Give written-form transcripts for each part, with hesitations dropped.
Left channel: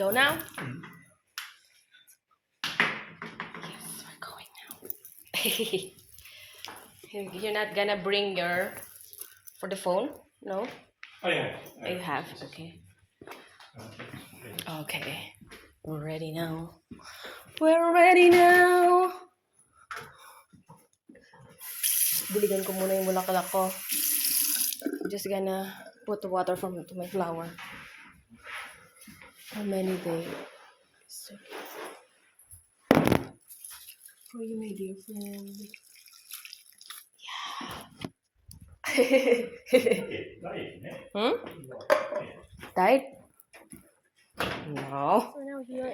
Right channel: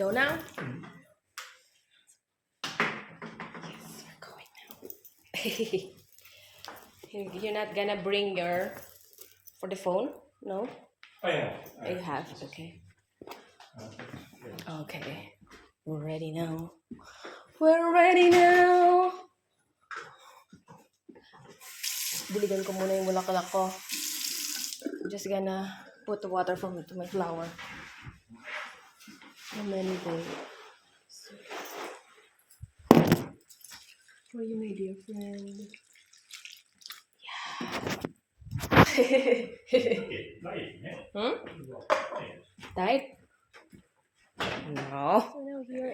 go now. Yes, we're going now. You're not gonna bring your for the phone, no? I have. You have, okay. Okay, we're ready now. We're ready now. Diligan ko muna yung bulaklak ko. I'm just gonna put the water from to my flower. How many days? For you, my dear friend. Yeah. Died? No. We're now here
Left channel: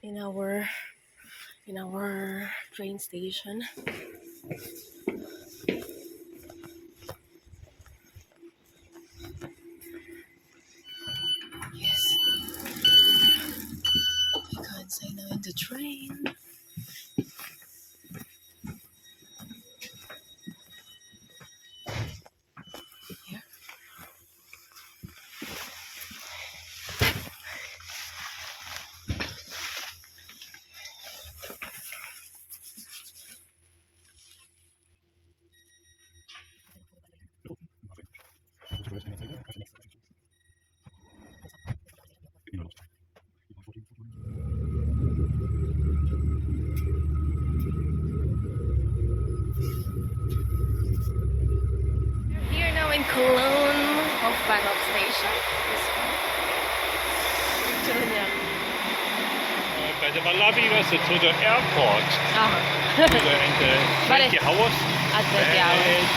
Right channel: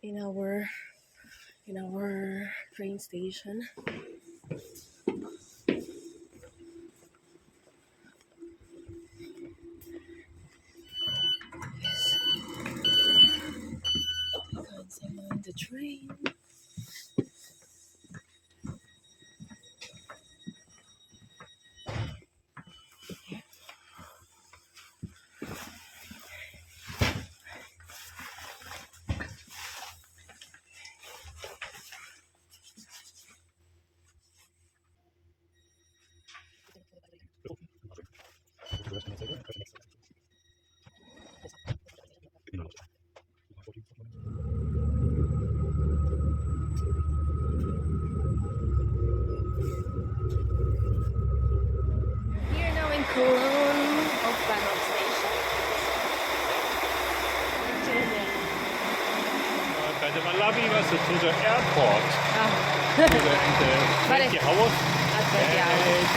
in our train station. Yes. You can't say no in the train. Here. Here now in Cologne of Bahnhof Station. By the Lovie was to the airport. Oh. In the 20 hours. At 20 hours.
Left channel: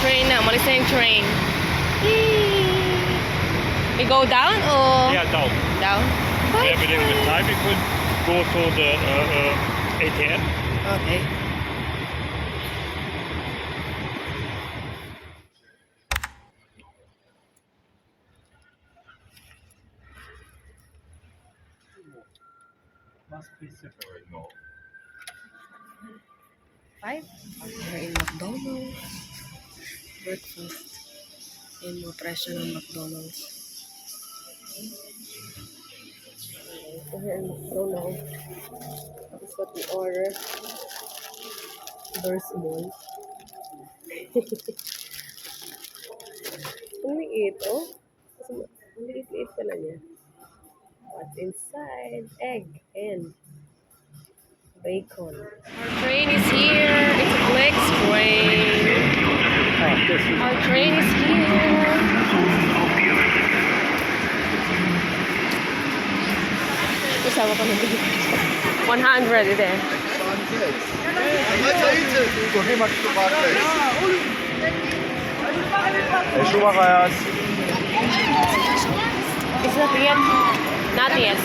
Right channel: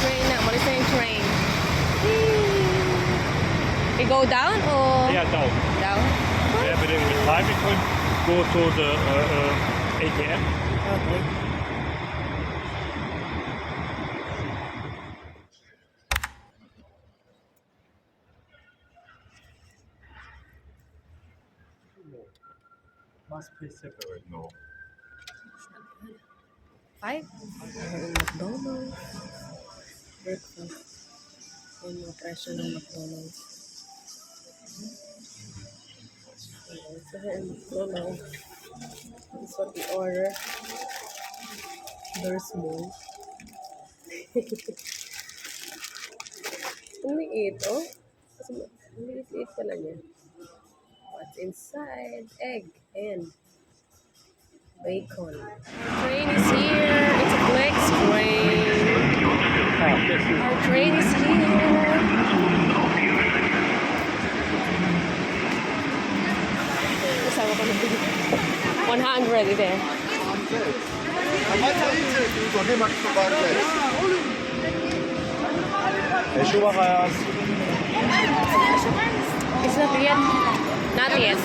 Train now, what is saying train? We go down or? Yeah, down. Down? Yeah, but there is a time we could go to the ATM. Okay. Must be separate, no. 5? We're in McDonald's. Breakfast. Yung mga presyo ng McDonald's. Okay, so here in McDonald's, this is what we order. Very small. Ang liit, oh. Ang liit-liit pala niya. What's inside? Egg and bacon. Our train is here. It's a flex train. Our train is here. Kasama ko na 100 ito eh. It's not yet. Not yet.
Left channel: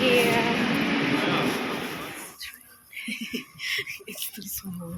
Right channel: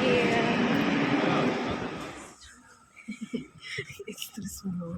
Yeah. It's too small.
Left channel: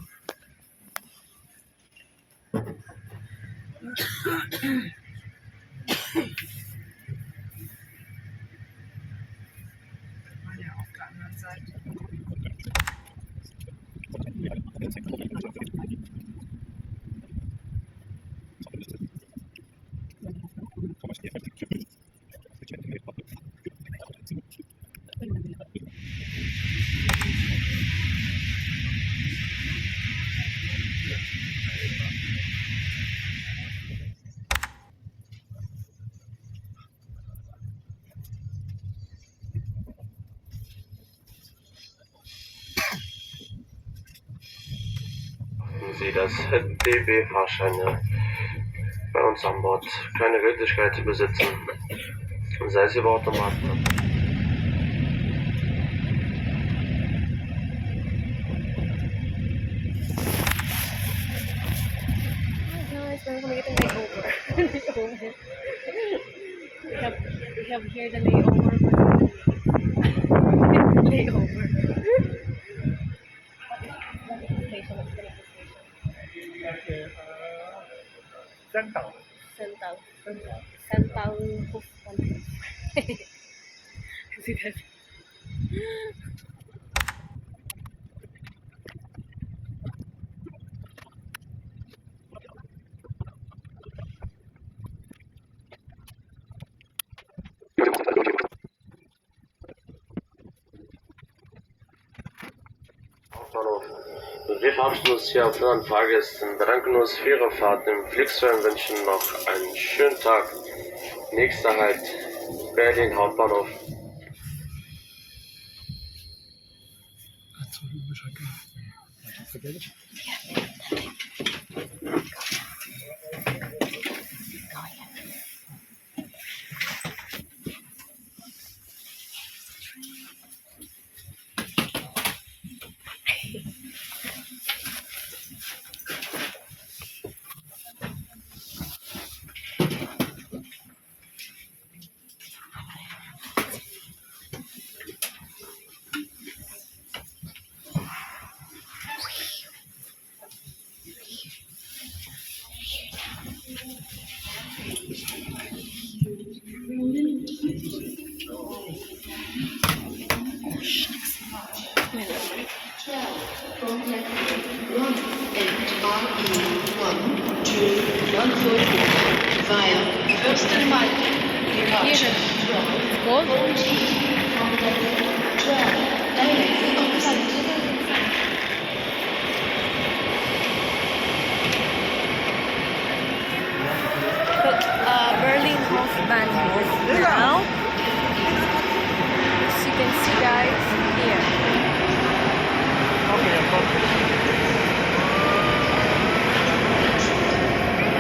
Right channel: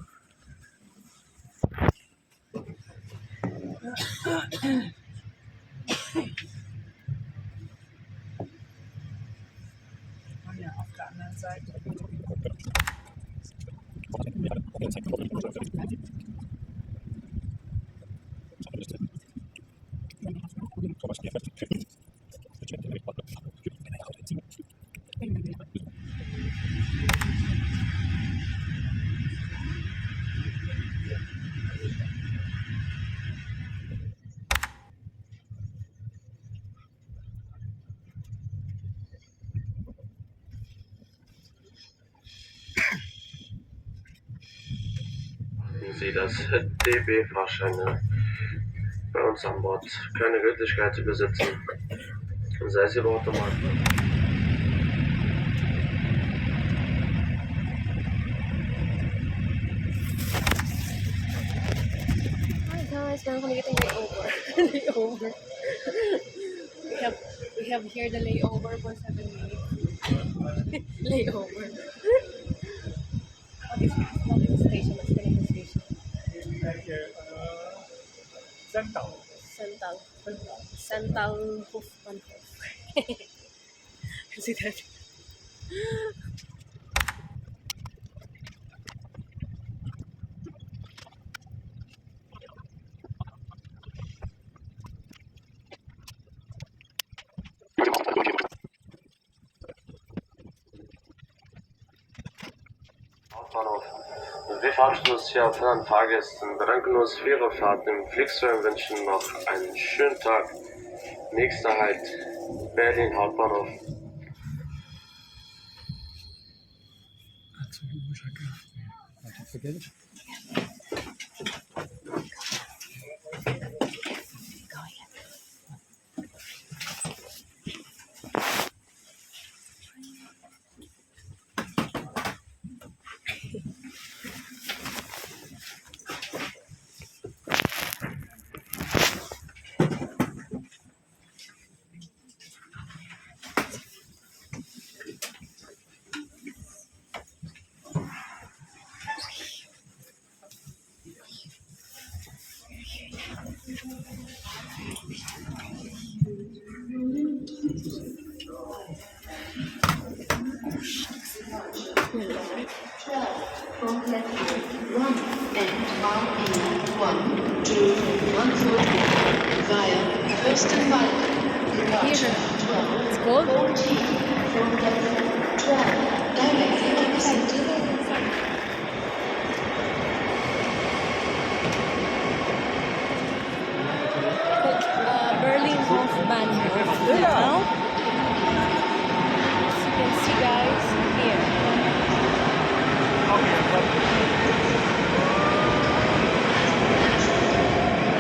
Sie, dass DB-Fahrscheine bei uns an Bord keine Gültigkeit besitzen, sei es über Automaten. Hi guys, meron kami itong layover. Layover. We have here the layover for layover. What is the station? What's the name of the station? Central. Santal Hofbahnhof. See that? Hauptbahnhof. Wir verabschieden uns hier von den Fahrgästen, bedanken uns für Ihre Fahrt im Flixtrain und wünschen noch einen schönen Tag. Nächster Halt, Berlin Hauptbahnhof. Berlin Hauptbahnhof now. As you can see, guys, here.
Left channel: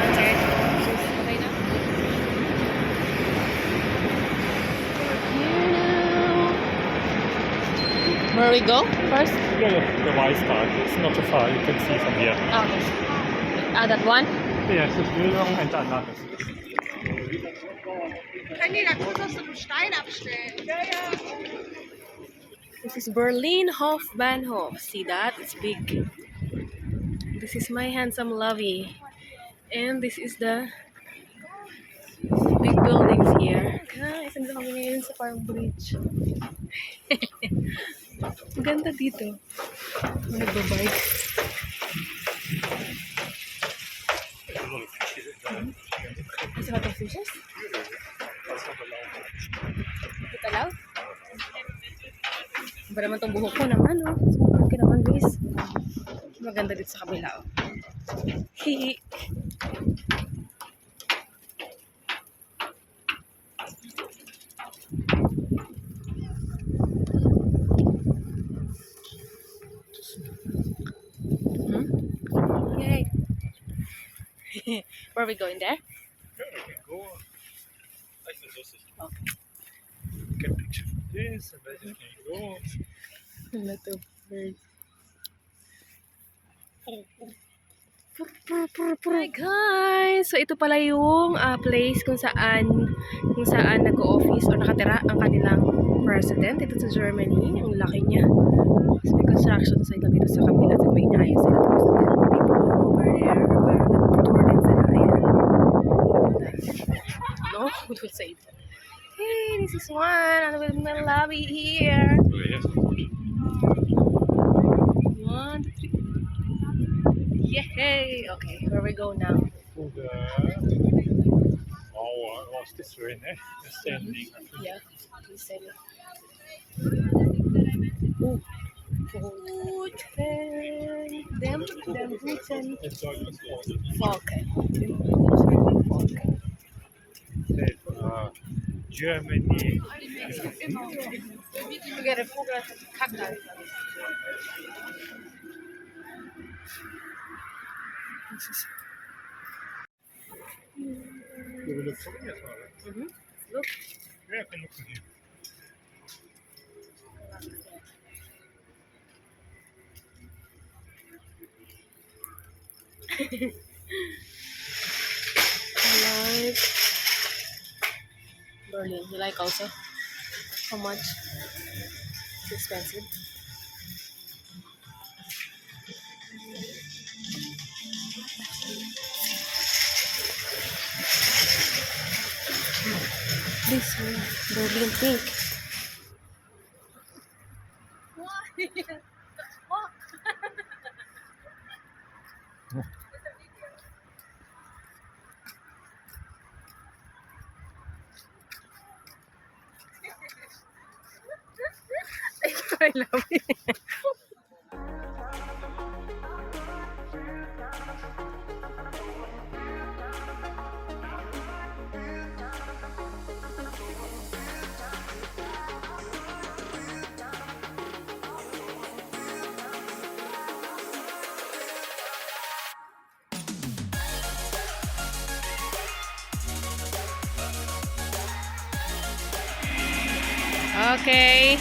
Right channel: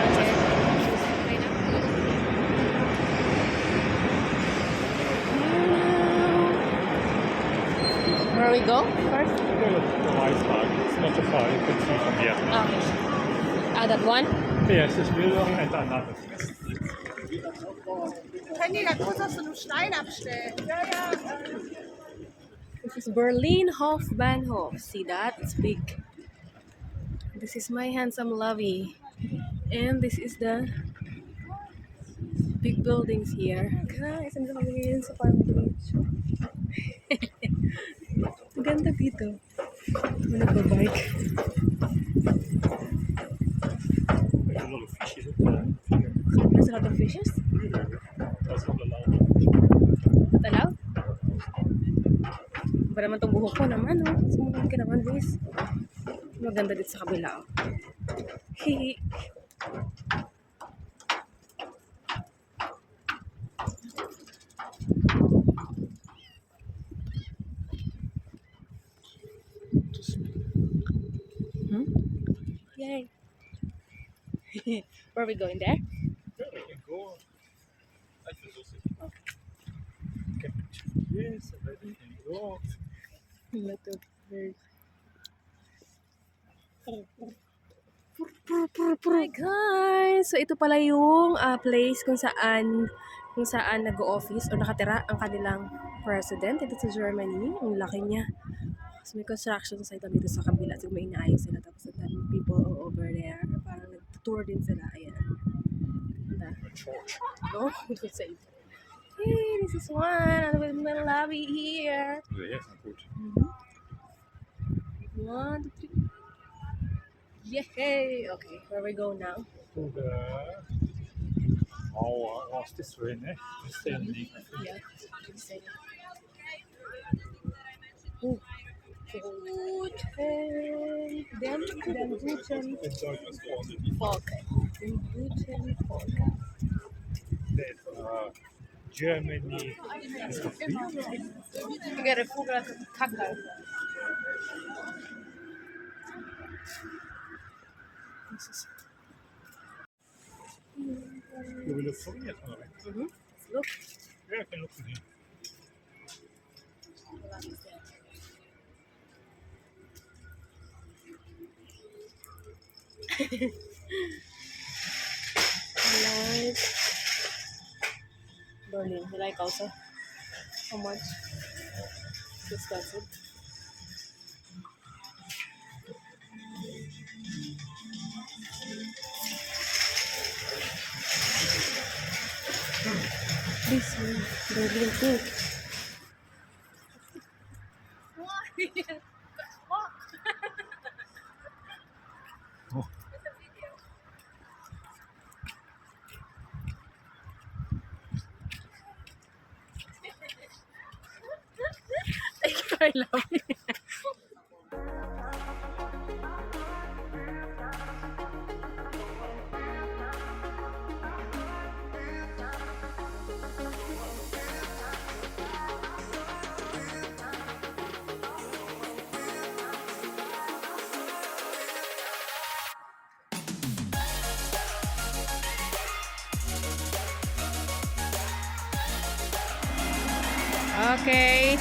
Okay. Where we go first? The lights part. It's not too far. You can see from here. Okay. That one? Yes, it's Bildung and another. Kann die da groß aus so einem Stein abstellen? Ja, ja. This is Berlin Hauptbahnhof. See that? It's big. This is my handsome Lovie. And this is the big buildings here. Guys, nandito kami ngayon sa Farm Bridge. Ang ganda dito. Nagbabike. There's a lot of fishes. Talaw? Ba naman itong buhok ko naman, oh. Sumukod ka naman, Luis. Maganda dito sa kabila, oh. Hihi. Yay. Where are we going there? Yeah, we can go. I think this is. Okay. You can picture this, and then you can go. A lot of birds. Hi guys! So ito pala yung place kung saan nag-o-office o nakatira ang kanilang president dito sa Germany. Ang laki niya. So may construction site lang dito sa kabila sa may inaayos sila. Tapos the people over there parang nag-tour din sila. Ayan. No? Don't say that. Hey, this is one. I'm with my Lovie here. Yes. 1, 2, 3. Yay! Okay, where we go now? To the. Oh, what's this way, eh? Standing. Yeah, we said it. Ooh. Guten. Dem guten. Enjoy your sport. Okay. Germany. We got a Vogel gekackt. You will look for me as well. Right? Look. Yeah, I can look for him. Like Berlin. You like also? How much? It's expensive. This one, Berlin pink. Lovie. Okay.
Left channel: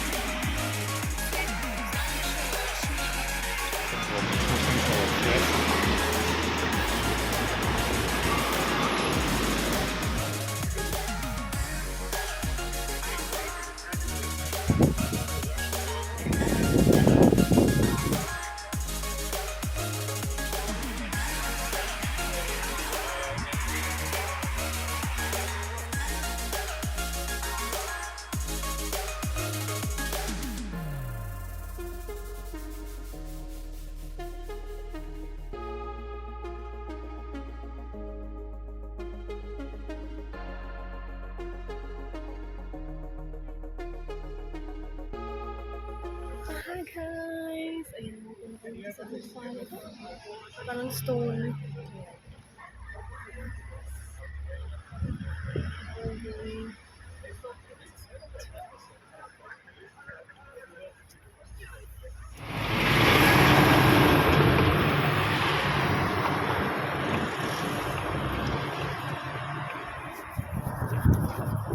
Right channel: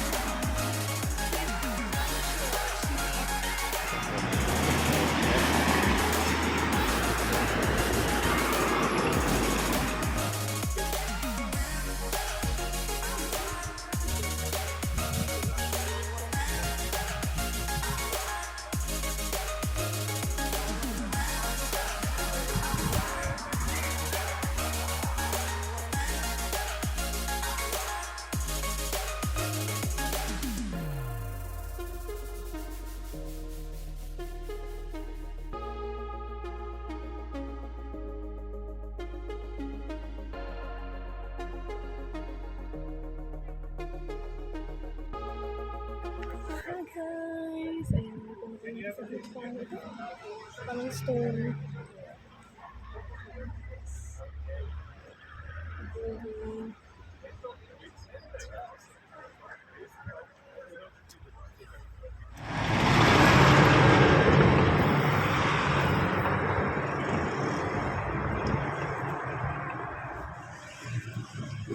Hi guys! Ayan, dito na kami sa hukpan. Parang stone. Okay.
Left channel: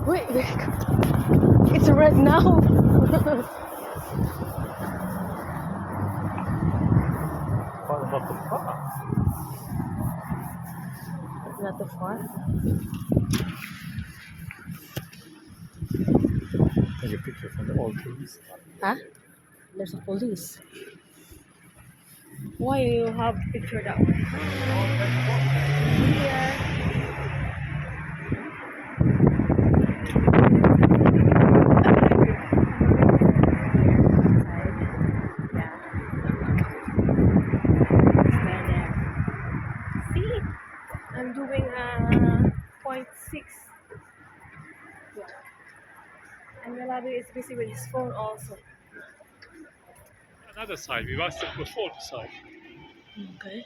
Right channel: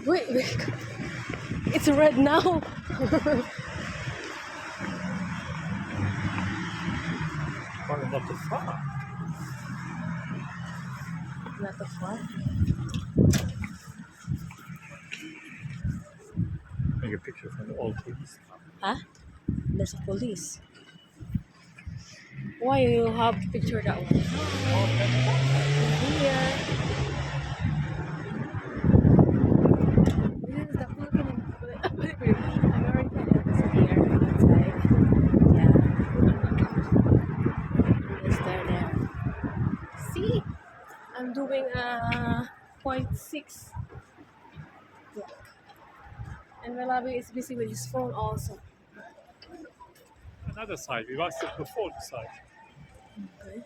Wait, it's red now. Oh, not too far. Not too far. Take a picture from the old police. Huh? There's a police. Why you have to picture that one? Here. See? I'm doing a 0.6 block. And Lovie is busy with his phone also. Another side. We watched it before the side. Okay.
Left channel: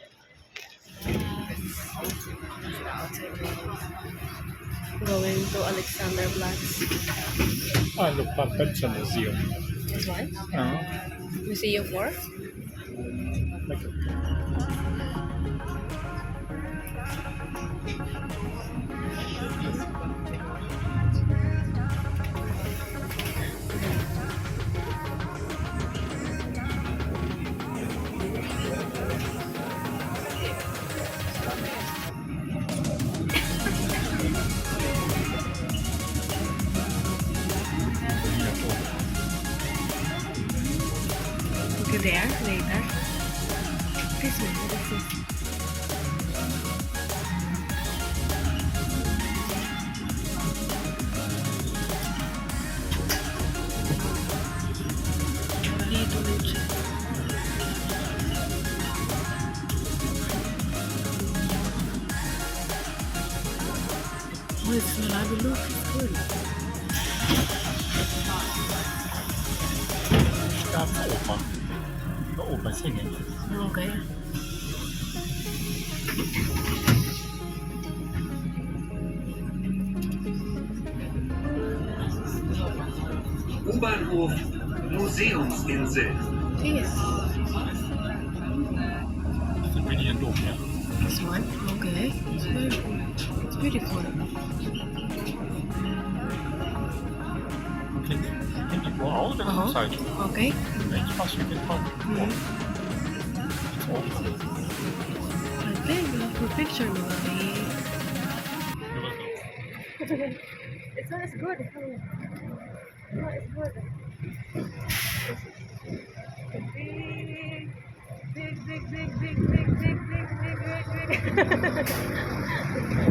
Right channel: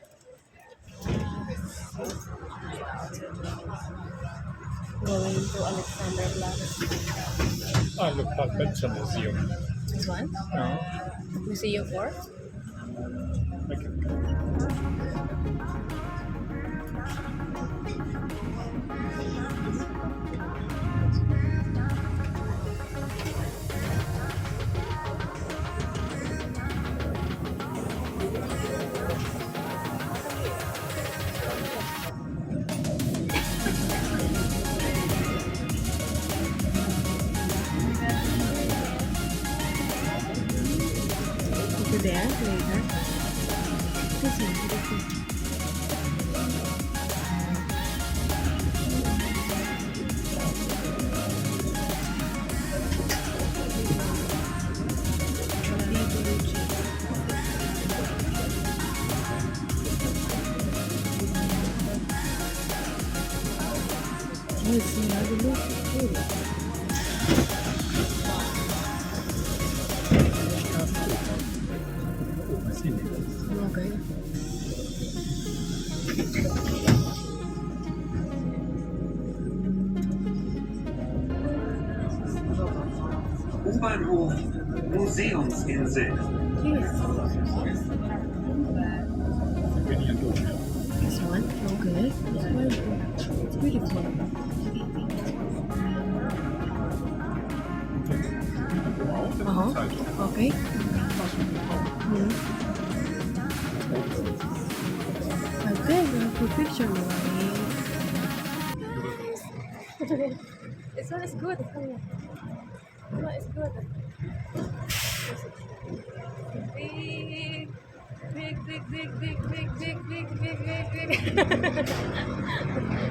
Going to Alexander Platz. And the Adventure Museum. This one? Museum 4? Go there later. This one, what is this? Oh, it's not a look, it's good. Okay. U-Bahnhof Museumsinsel. This. This one? Okay. It's very cool. It's beautiful. Okay. Okay, we have a picture, Lovie. This one is good. This one is good. Big.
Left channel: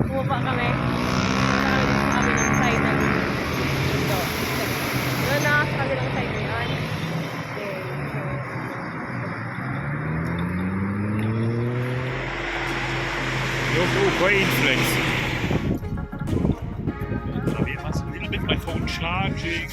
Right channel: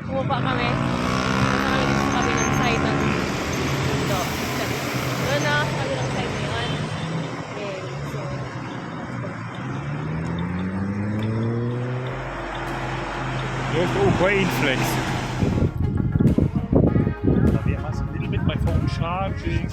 Bumaba kami. Punta kami dito sa kabilang side ng mundo. Doon na sa kabilang side yun. Okay, so Look, all brain flex. Lovie has a little bit my phone charging.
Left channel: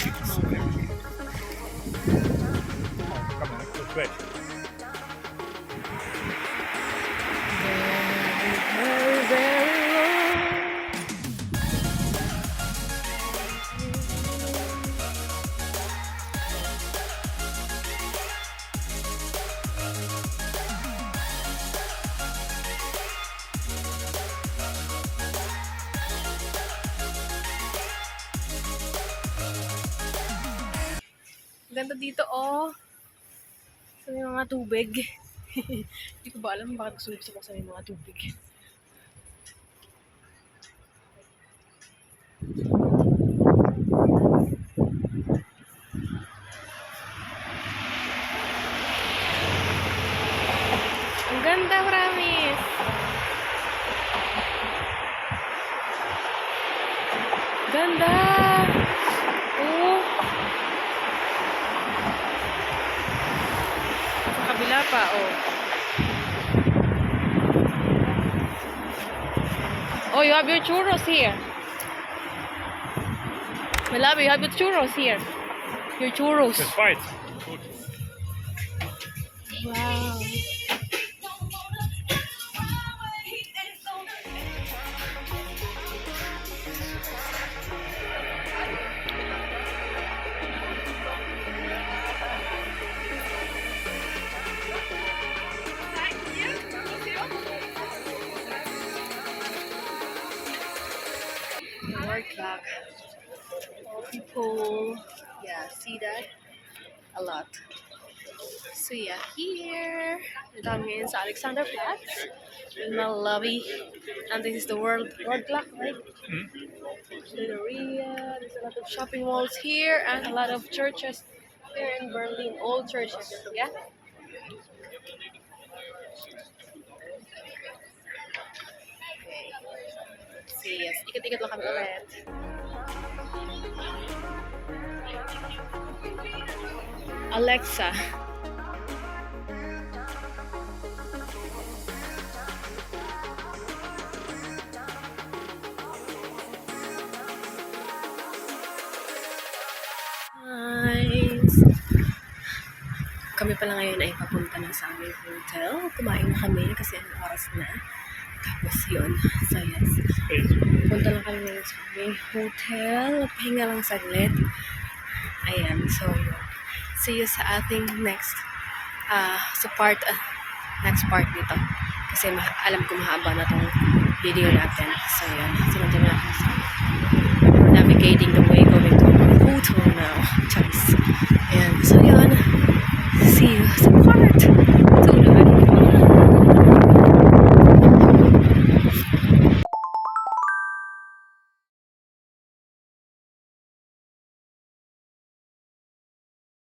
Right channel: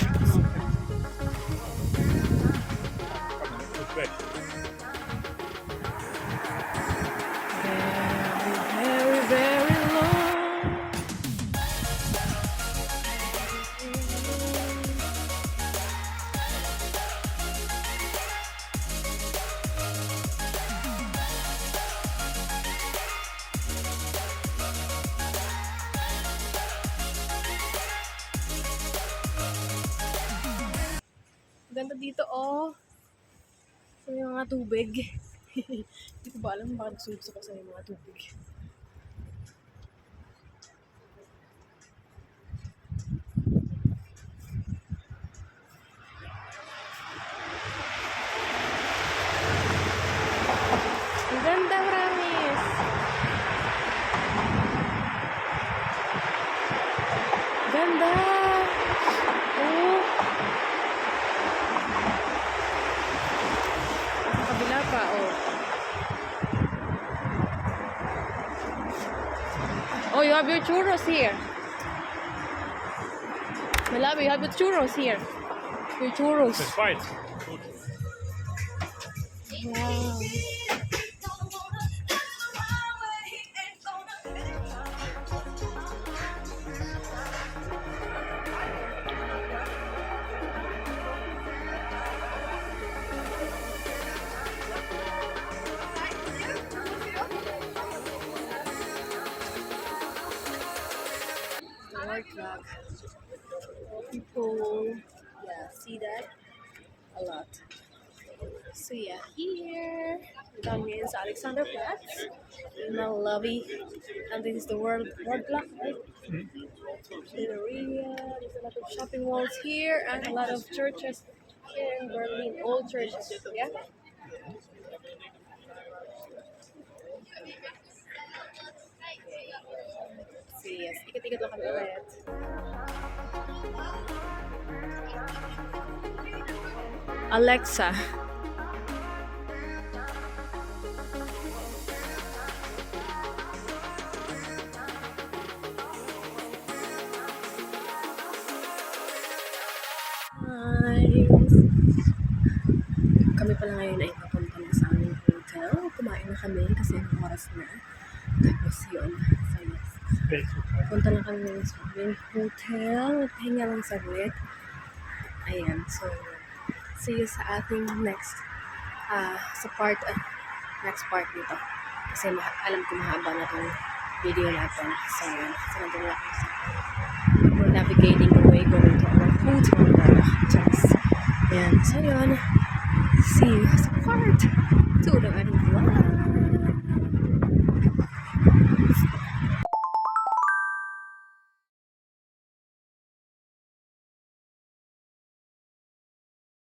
Ganda dito, oh. Sa may mga tubig. Hindi ko ba alam bakit gusto ko sa may mga tubig. Ang ganda, promise. Ganda. Oh. Sa kabila pa, oh. Oh, you have your churros here. My love, you have your churros here. Your churros. It's white. Wow. Word clock. People. Yeah, see that? A lot. So yeah, here. That means Alexanderplatz with my Lovie. And this is the world clock, right? Galleria. There's a lot of shopping malls here and a lot of churches here in Berlin. Old churches, yeah? See, yes. Ikat-ikat lang kami ulit. Alexa. Nice. Kami pala ngayon ay papunta na sa aming hotel. Kumain na kami kasi ang oras na. Tapos yun. So yes. Punta lang kami ngayon sa aming hotel. Pahinga lang saglit. Ayan. So yun. See you sa ating next next part nito. Kasi alam ko mahaba na tong video natin. So yun. So nandiyan na ako sa we're navigating the way going to our hotel now. Just. Ayan. So yun. See you sa part 2 na.